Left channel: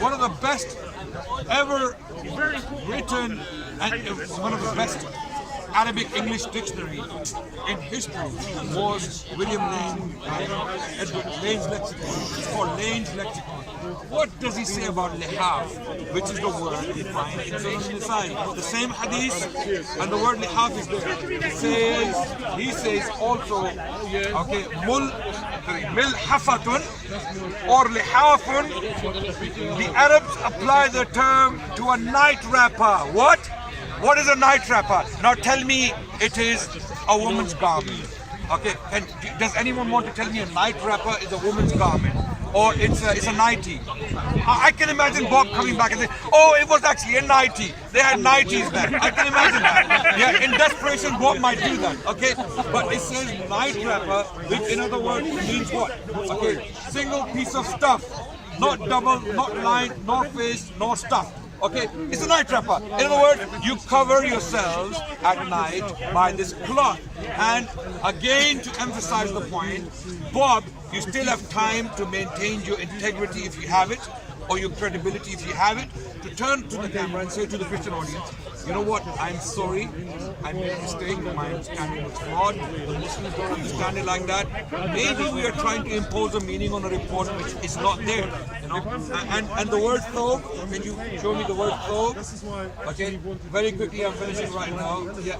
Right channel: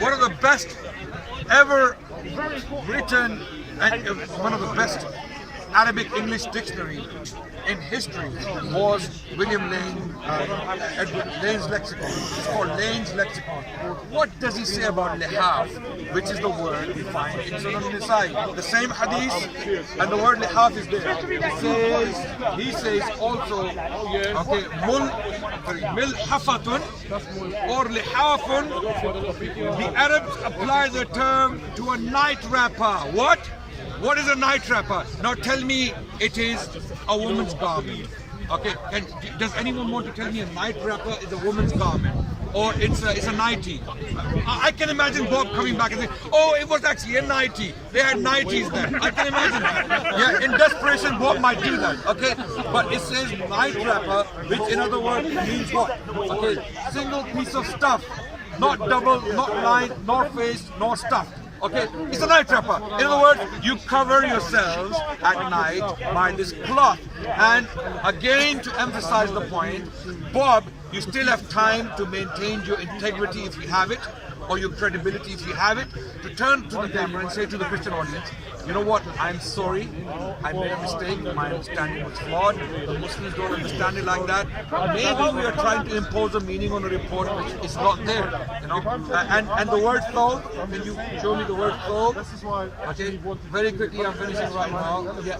one of the best ever written and one of the best Arabic English dictionary in history was William Lane, Edward Lane's lexicon. It's called Lane's lexicon. What does he say about lihaf, which is the word we find in Sunan Nisa'i? The same hadith, and the word lihaf is there. He says also, okay, milhafatun or lihafun. The Arabs apply the term to a night wrapper. What? What is a night wrapper? Now tell me it is a woman's garment. Okay, and does anyone want to tell me a night wrapper is a woman's garment? Or it's a nightie? I can imagine Bob coming back and saying, oh, it was actually a nightie. They had nighties then. I can imagine that. Yeah, in desperation, Bob might do that. Okay, but it says night wrapper, which in other words means what? Okay, single piece of stuff. Not double, not lined, nor faced, nor stuffed. Okay, it's a night wrapper. In other words, you cover yourselves at night by this cloth. And again, to emphasize the point, Bob, you still have time to maintain your integrity if you have it, or your credibility if you have it, to turn to the camera and say to the Christian audience, you know what, I'm sorry, I made a mistake, my understanding was flawed, the Muslims don't understand it like that. Maybe we are trying to impose a meaning on a report which is not there, you know. And the word thobe, can you show me the word thobe? Okay, very quickly, I'm finishing right now. Yeah.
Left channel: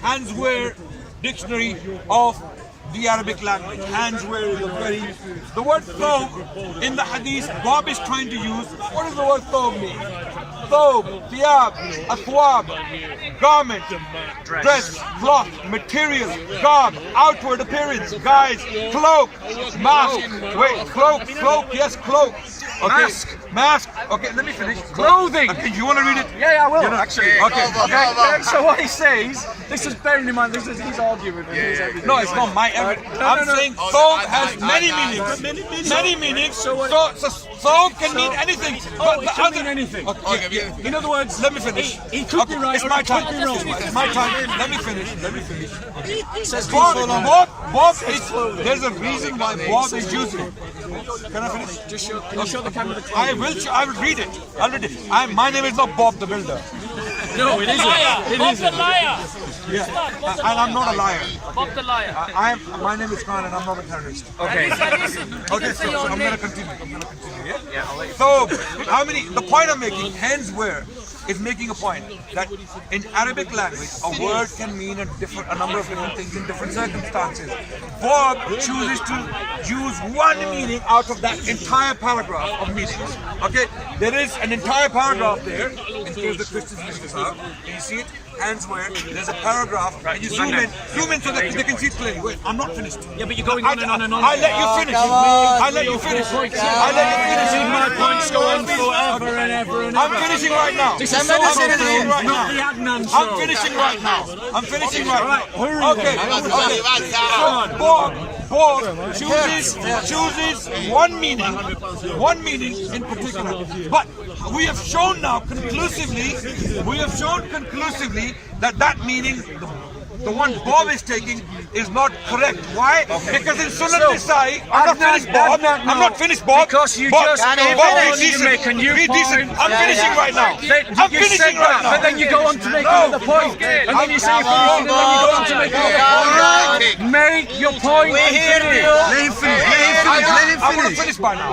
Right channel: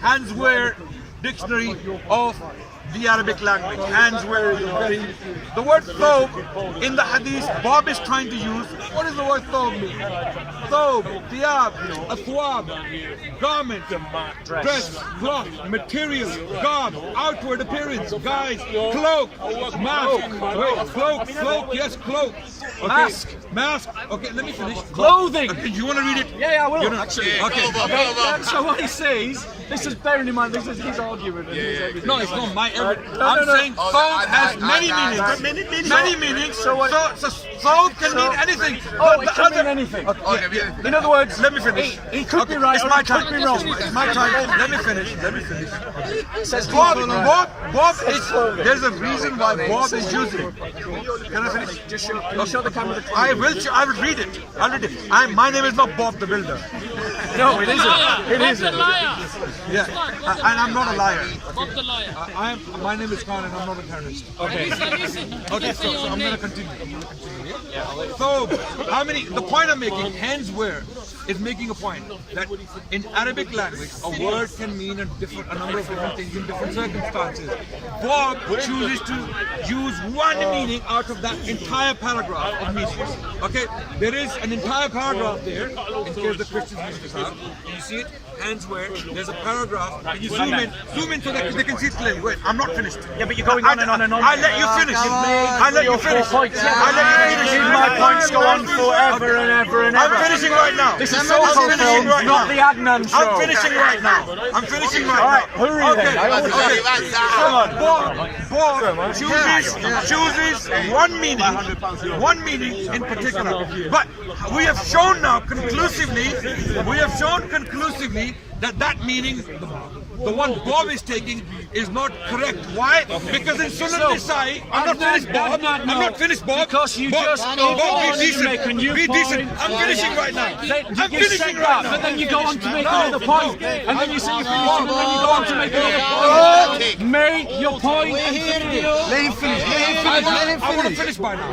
Handswear dictionary of the Arabic language. Handswear is the word thobe in the hadith Bob is trying to use. What does the word thobe mean? Thobe, thiyab, athwab, garment, dress, cloth, material, garb, outward appearance, guys, cloak, mask, wait, cloak, yes, cloak. Okay. Mask. Okay, let me finish. Clothing. Okay, you want to read it? Yeah, I will. You know, actually. Okay. So what he says, this is bearing in mind, this is his argument. No, it's not my evidence. I'm saying thobe has many meanings. Many meanings. So thobe can mean anything. Oh, it can mean anything. Okay. In other words, let me finish. He could be right, or he could be wrong. It's my time. Let me finish. Okay. It says Bob is. There's a reason why Bob is using. Can I finish? Just show. Can you show the camera the clip? I will read it. I'll read it. My name is not Bob the Builder. No, it isn't. It isn't. Yeah, and I'm not a liar. Bob the liar. My name is Khan, and I'm not a terrorist. Okay. Okay, so I'm going to continue. Yeah, I'll let you. So, the point I'm making, handswear, is making a point that in Arabic language, a word can mean a number of different things in different circumstances. Bob chooses to use one meaning out of that entire paragraph of meanings. Okay, there is an entire paragraph there, in case the Christians miss this out. Can you see it? Handswear, there's a paragraph. Can you zoom in so that they can see it clearly? Wait, I'm not finished. Yeah, but you're going on and on and on. I let you finish. I let you finish. I let you finish. My points go on forever and ever and ever. I'm finishing right now. This is Soho Films, not the Adnan show. I'm finishing right now. I'm finishing right now. All right, hurry then. Okay. Bob chooses one meaning in particular. But we have shown now conclusively, that meaning, the one Bob is taking, is not correct. Why? Because in Sunan Nisa'i, I'm not finished, Bob. Because you just go on, you make a new point. I'm finishing right now. I'm finishing right now. But then you go on to make another point. And then you say you're finishing, and then you go on to make another point. Make your point and finish. Let him finish. I want to finish by now.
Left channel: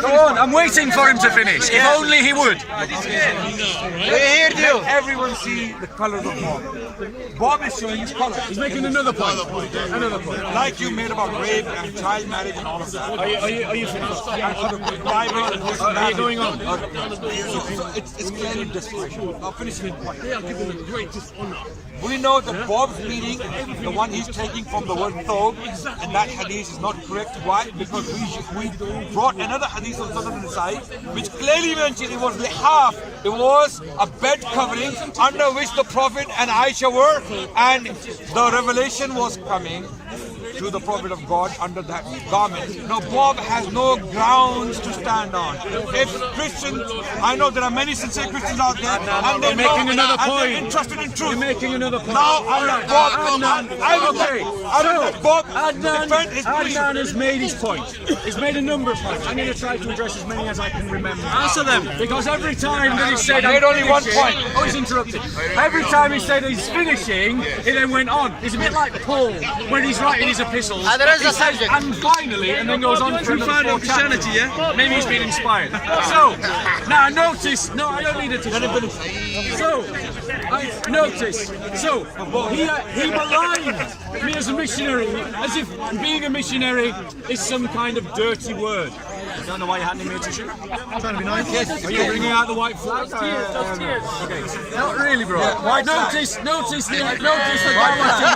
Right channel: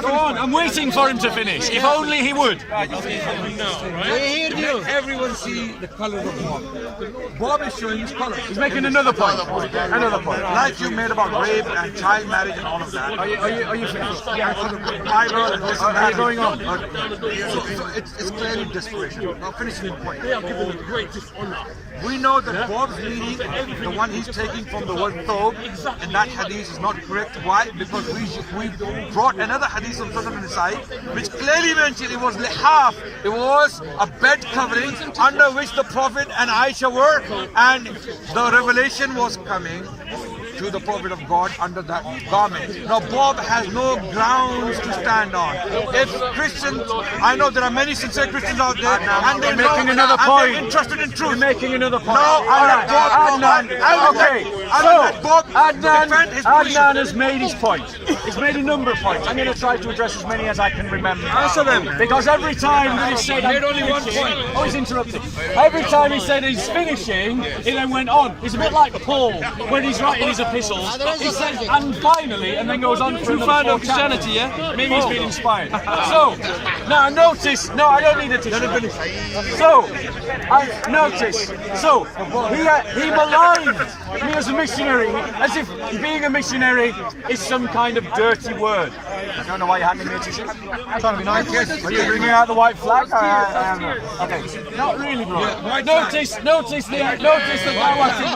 Go on, I'm waiting for him to finish. If only he would. Let everyone see the colors of Bob. Bob is showing his color. He's making another point. Another point. Like you made about rape and child marriage and all of that. Are you finished? And for the Bible and this and that. Are you going on? So it's clearly desperation. Now finishing the point. We know that Bob's meaning, the one he's taking from the word thobe, in that hadith is not correct. Why? Because we brought another hadith on Sunan Nisa'i, which clearly mentioned it was lihaf. It was a bed covering under which the Prophet and Aisha were, and the revelation was coming to the Prophet of God under that garment. Now Bob has no grounds to stand on. If Christians, I know there are many sincere Christians out there, and they're making another point. They're interested in truth. You're making another point. Now, Adnan has made his point. He's made a number of points. I'm going to try to address as many as I can remember. Answer them. Because every time that he said I'm only one finishing, point. oh, he's interrupted. Every time he said he's finishing, he then went on. He's a bit like Paul when he's writing his epistles. He says, and finally, and then goes on for another 4 chapters. Maybe he's been inspired. So, now notice, no, I don't need a tissue. So, notice, so he maligned me as a missionary, as if being a missionary is some kind of dirty word. I don't know why you're handing me a tissue. Trying to be nice. Yes. Are you bringing out the white flag? I am not. Okay, not really, bro. Yeah, notice the dawah team.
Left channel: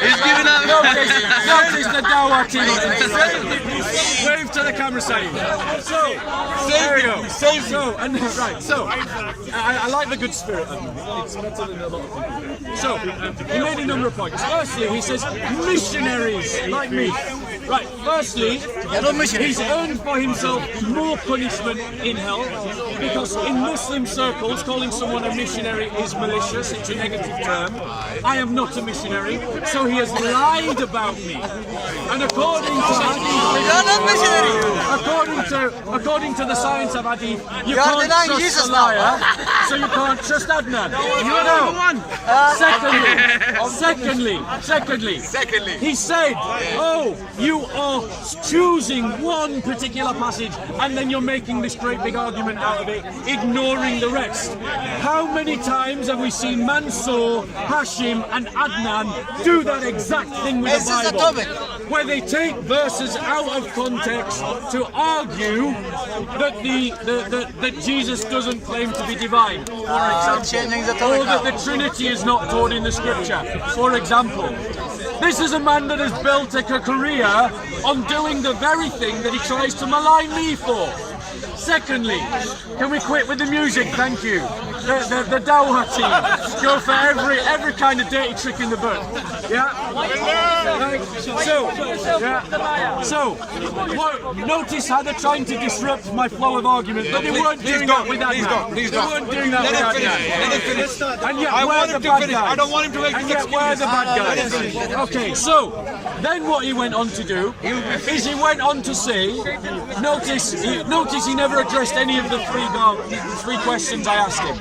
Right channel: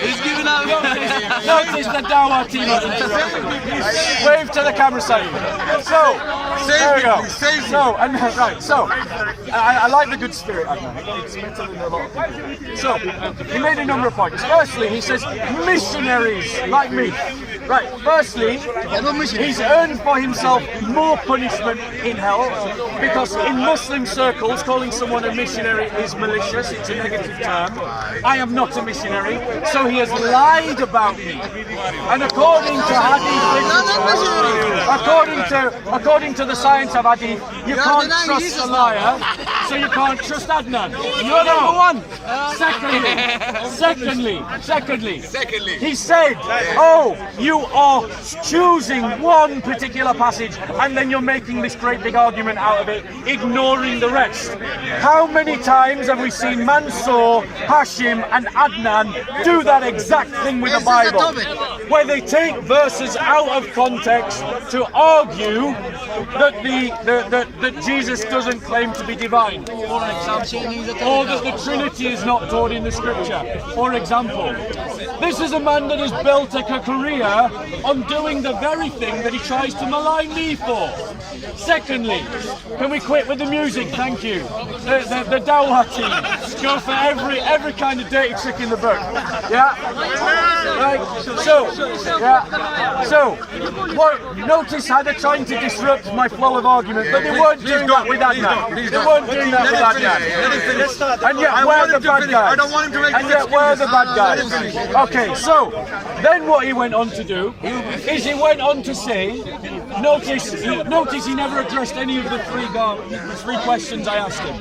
He's giving out. Notice the dawah team. Wave to the camera side. So, there we go. So, and right. So, I like the good spirit, Adnan. It's better than a lot of people. So, he made a number of points. Firstly, he says missionaries like me. Right, firstly, he's earned for himself more punishment in hell because in Muslim circles calling someone a missionary is malicious, it's a negative term. I am not a missionary, so he has lied about me. And according to hadith, according to the science of hadith, you can't trust a liar, so you can't trust Adnan. You're number one. Secondly, he said, oh, you are choosing one particular passage and then you're making this great big argument out of it, ignoring the rest. How many times have we seen Mansour, Hashim and Adnan do that exact thing with the Bible? Where they take verses out of context to argue that Jesus doesn't claim to be divine, for example, or that the Trinity is not taught in the scripture, for example. This is a man that has built a career on doing the very thing that he tries to malign me for. Secondly, can we quit with the music? Thank you. The dawah team go for every kind of dirty trick in the book. Yeah. Right. So, notice how they're trying to disrupt my flow of argument, but they weren't doing that with Adnan. They weren't doing that with Adnan. And yet we're the bad guys. I don't want him to. And yet we're the bad guys. Okay, so then what he went on to do is he went on to say, notice he never addressed any of the three questions I asked him.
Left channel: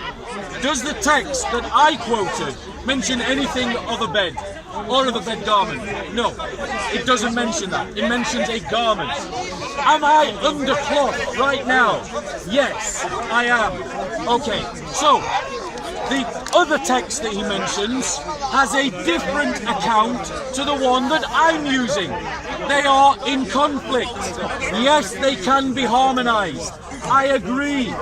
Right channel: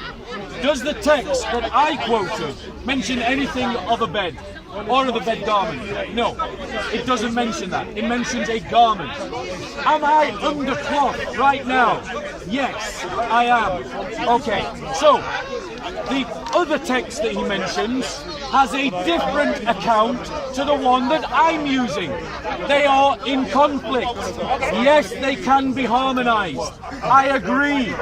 Does the text that I quoted mention anything of a bed or of a bed garment? No, it doesn't mention that. It mentions a garment. Am I under cloth right now? Yes, I am. Okay, so the other text that he mentions has a different account to the one that I'm using. They are in conflict. Yes, they can be harmonized. I agree.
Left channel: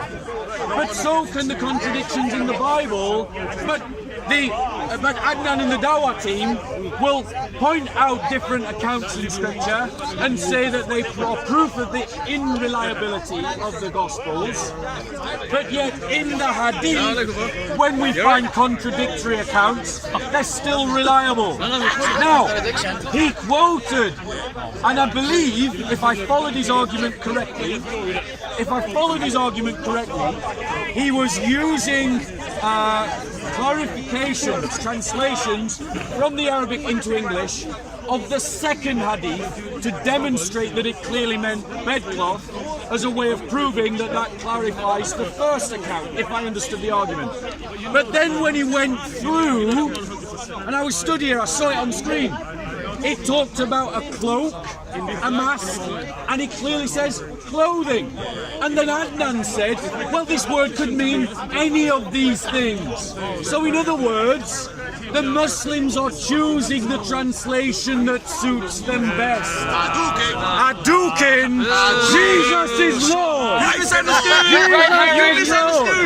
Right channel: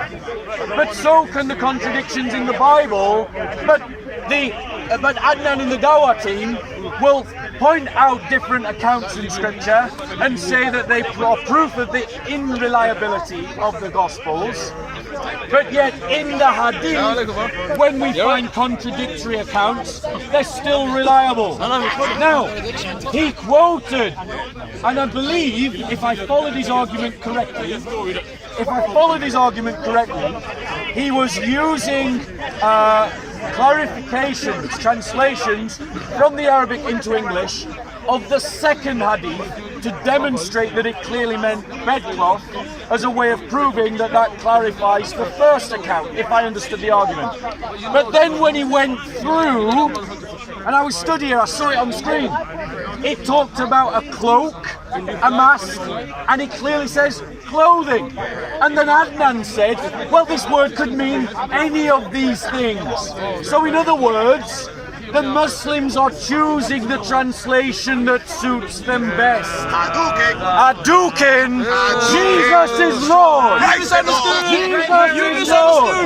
But so can the contradictions in the Bible. But Adnan and the Dawah team will point out different accounts in scripture and say that they are proof of the unreliability of the Gospels. But yet in the hadith, when we find contradictory accounts, they're still reliable. Now, he quoted, and I believe, if I followed his argument correctly, he was using clarifications, translations from the Arabic into English of the second hadith to demonstrate that it clearly meant bedcloth, as a way of proving that clarifies the first account, if I understood the argument. But then when he went through, and I was stood here, I saw it on screen, it talked about a cloak, a mask, and it clearly says clothing. And then Adnan said, well, this word could mean any of these things. So in other words, the Muslims are choosing the translation that suits them best. Hadouken, Jesus is Lord. Jesus is Lord.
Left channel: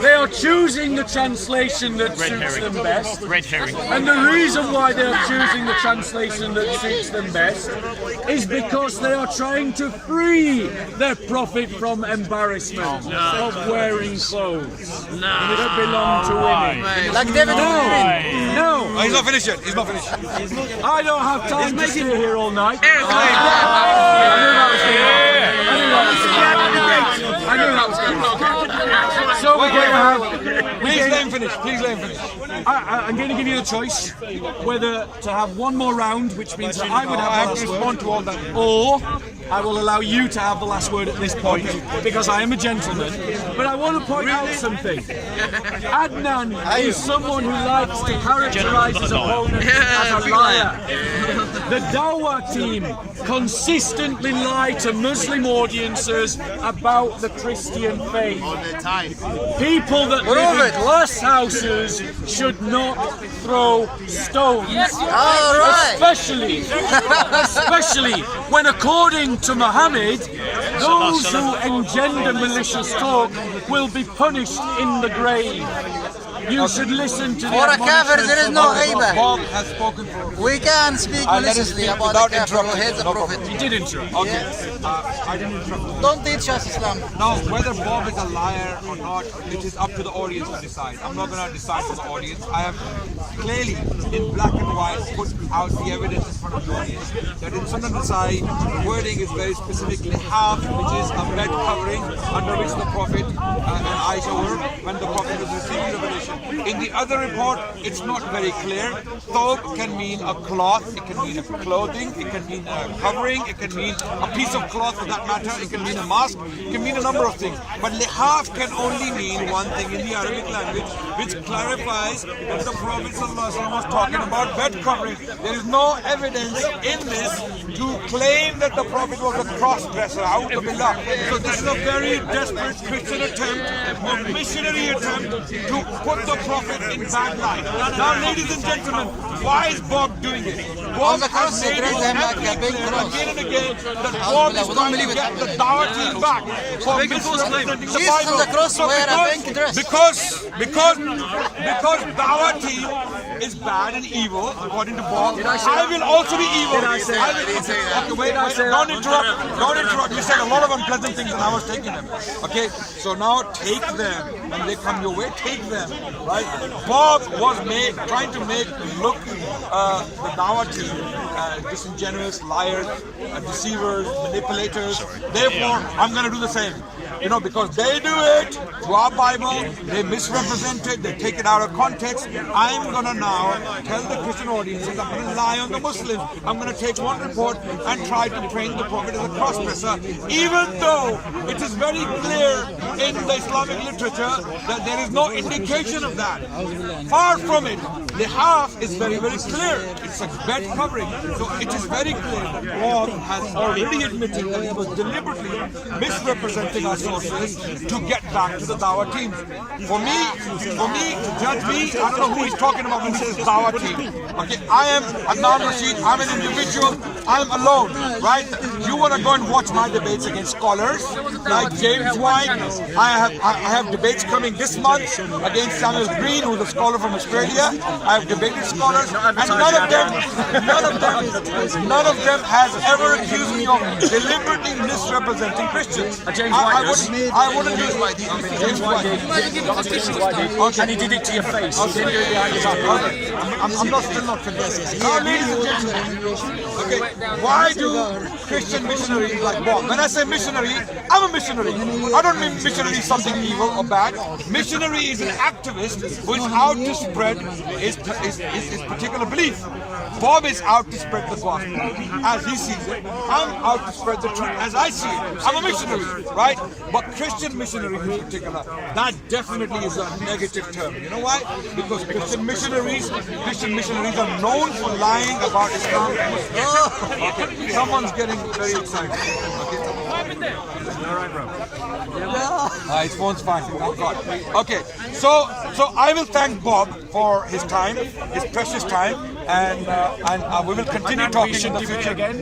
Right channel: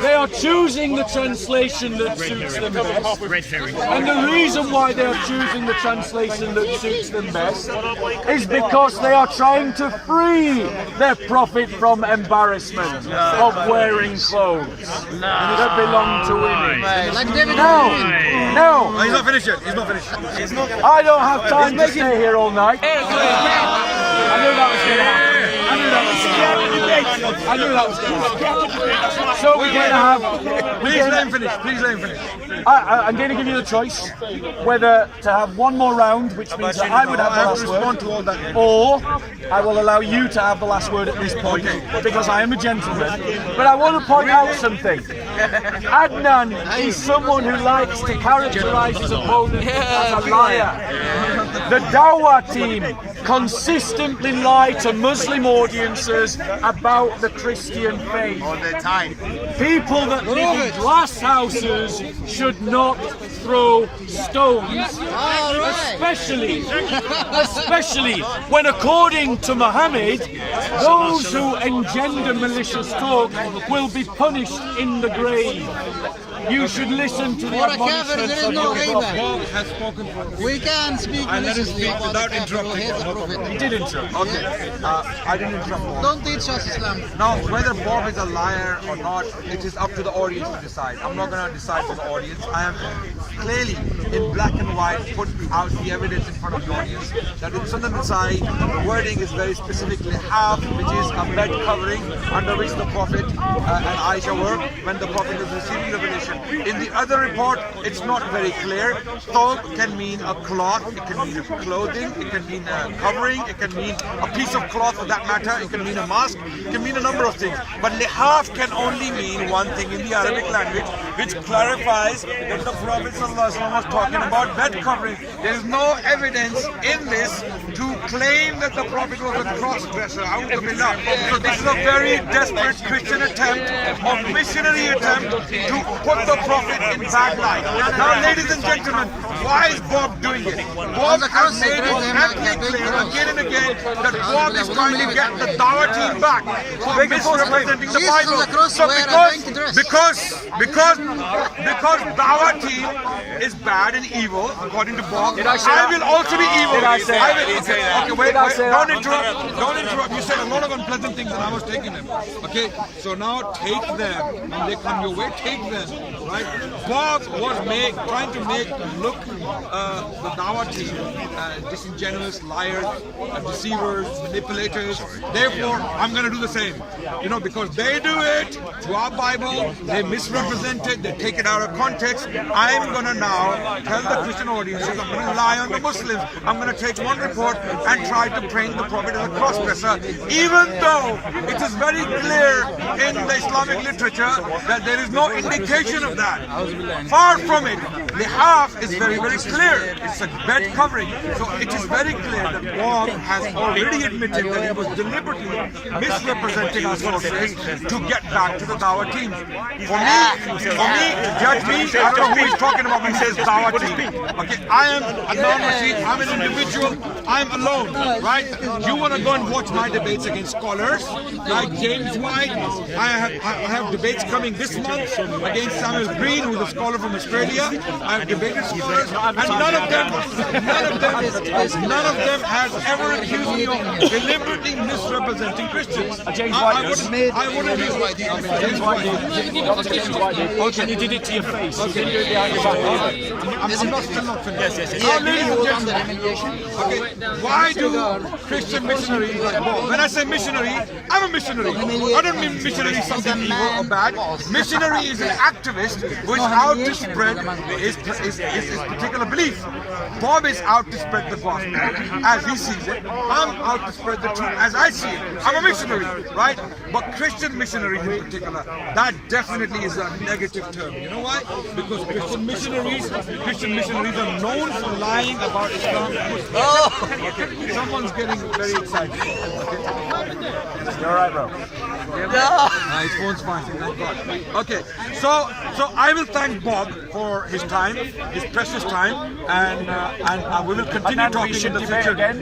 They are choosing the translation that suits them best. And the reason why they are choosing the translation that suits them best is because they are trying to free their prophet from embarrassment of wearing clothes that belong to women. No, He's not finished yet. He's not finished. I don't have time to stay here all night. I knew that was going to happen. I knew that was going to happen. So we're going to have... Please let him finish. Please let him finish. I'm going to give you the choice whether to have one more round, which means that I would have the last word, to all that. or I will allow you to have the last word at this point, because I am a gentleman. But I want to point out something. Adnan is someone who likes to characterize his opponent as a liar. The Dawah team consistently lie to Muslim audiences about the Christian faith. All the time. People that live in glass houses should not throw stones, especially when, according to Muhammad, those who engender malicious talk will be punished in the grave. You should listen to the admonishments of Bob has spoken for. We can speak I let him maliciously speak about without the Prophet. interrupting. No problem. He did interrupt. Okay, I didn't interrupt Bob. Don't teach us Islam. Now, whether Bob is a liar or not, it is up to the audience to decide. I'm not going to decide for the audience. I have clearly, in black and white, put out the evidence in front of the audience that in Sunan Nasai, the wording is very specifically half, which is a bed covering under which the Prophet and Aisha were when the Prophet was receiving revelation. In the other report, it's not very clear. Thob can mean a cloth, it can mean a clothing, it can mean a covering, it can mean a piece of cloth for that matter, it can mean a mask, it can mean a number of things. But lihaf can only mean one thing in the Arabic language, which clarifies that the Prophet ﷺ was talking about bed covering. There is no evidence in this to claim that the Prophet was a cross-dresser. So this is a very desperate Christian attempt or missionary attempt to put the Prophet in bad light. Now, ladies and gentlemen, why is Bob doing it? Bob has made it ethnic claim again and again that Bob is trying to get the Dawah team back for misrepresenting the Bible. So because Dawah team is bad and evil, according to Bob, I will also be evil. Okay, wait, don't interrupt. You said a lot of unpleasant things and I was taking them. Okay, so now take them. When they come your way, take them. Right? Bob was trying to make look the Dawah team disingenuous, liars, deceivers, manipulators. Therefore, I'm going to do the same. You know, because they do it to our Bible, they misrepresent it, they take it out of context. I'm going to now tell the Christian audiences, I'm going to lie on the Muslims. I'm going to take one report and try to paint the Prophet as a cross-dresser, even though it is very clear in the Islamic literature that there is no indication of that. Far from it. Lihaf is very, very clear. It's a bed covering. So it is very clear that Bob has already admitted that he was deliberately misrepresenting our sources to get back to the Dawah team. For me, to judge me, I don't know who he's talking about when he says Dawah team. Okay, I am Adnan Rashid, I'm an individual, I'm alone, right? You want to go and watch my debates against scholars like James White. I have debates coming this month against Samuel Green, who's a scholar from Australia. I have debated scholars, and none of them has ever accused me of deliberately misrepresenting Christians. James White I wouldn't use James White did. Dr. James White did. Okay. And he did it to your face. He didn't do it behind your back. Okay. I'm still not finished. Now, ladies and gentlemen, okay, why do Christian missionaries like Bob? When I say missionary, I'm a missionary. I don't mean missionary is something evil or bad. Missionary is an activist who is out to spread his particular belief. Bob is out to spread the gospel as he sees it. I'm out to spread the truth as I see it. I'm a missionary, right? But Christian missionaries in particular, that definitely is a negative term. You know why? Because Christian missionaries are known for lying about Islam. Okay. Someone's getting very excited. You all right, bro? His phone's fine, thank God. Okay, so I will thank Bob for his time, his precious time. and we will continue Adnan, talking we should in the debate future. again.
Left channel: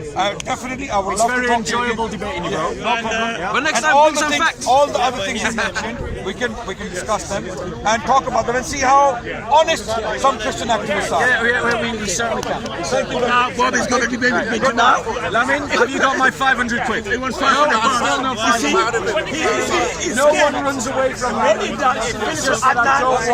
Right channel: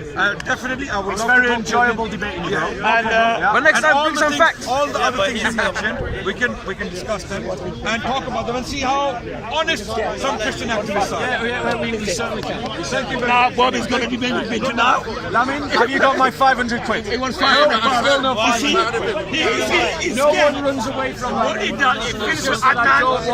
Definitely, I would It's love to very talk to you enjoyable again. debating you, Yeah, bro. no problem. But next And time, all bring the some things- facts. All the other things you mentioned, we can discuss them and talk about them and see how honest some Christian activists are. Yeah, we certainly can. Thank you very Now, much. Bob is going to debate with me now. Lamin, have you got my 500 quid? He wants No, 500 I'm still not You see? 500. He's No scared. one runs away from What he Lamin. done is It's finish just with that I don't Adnan. want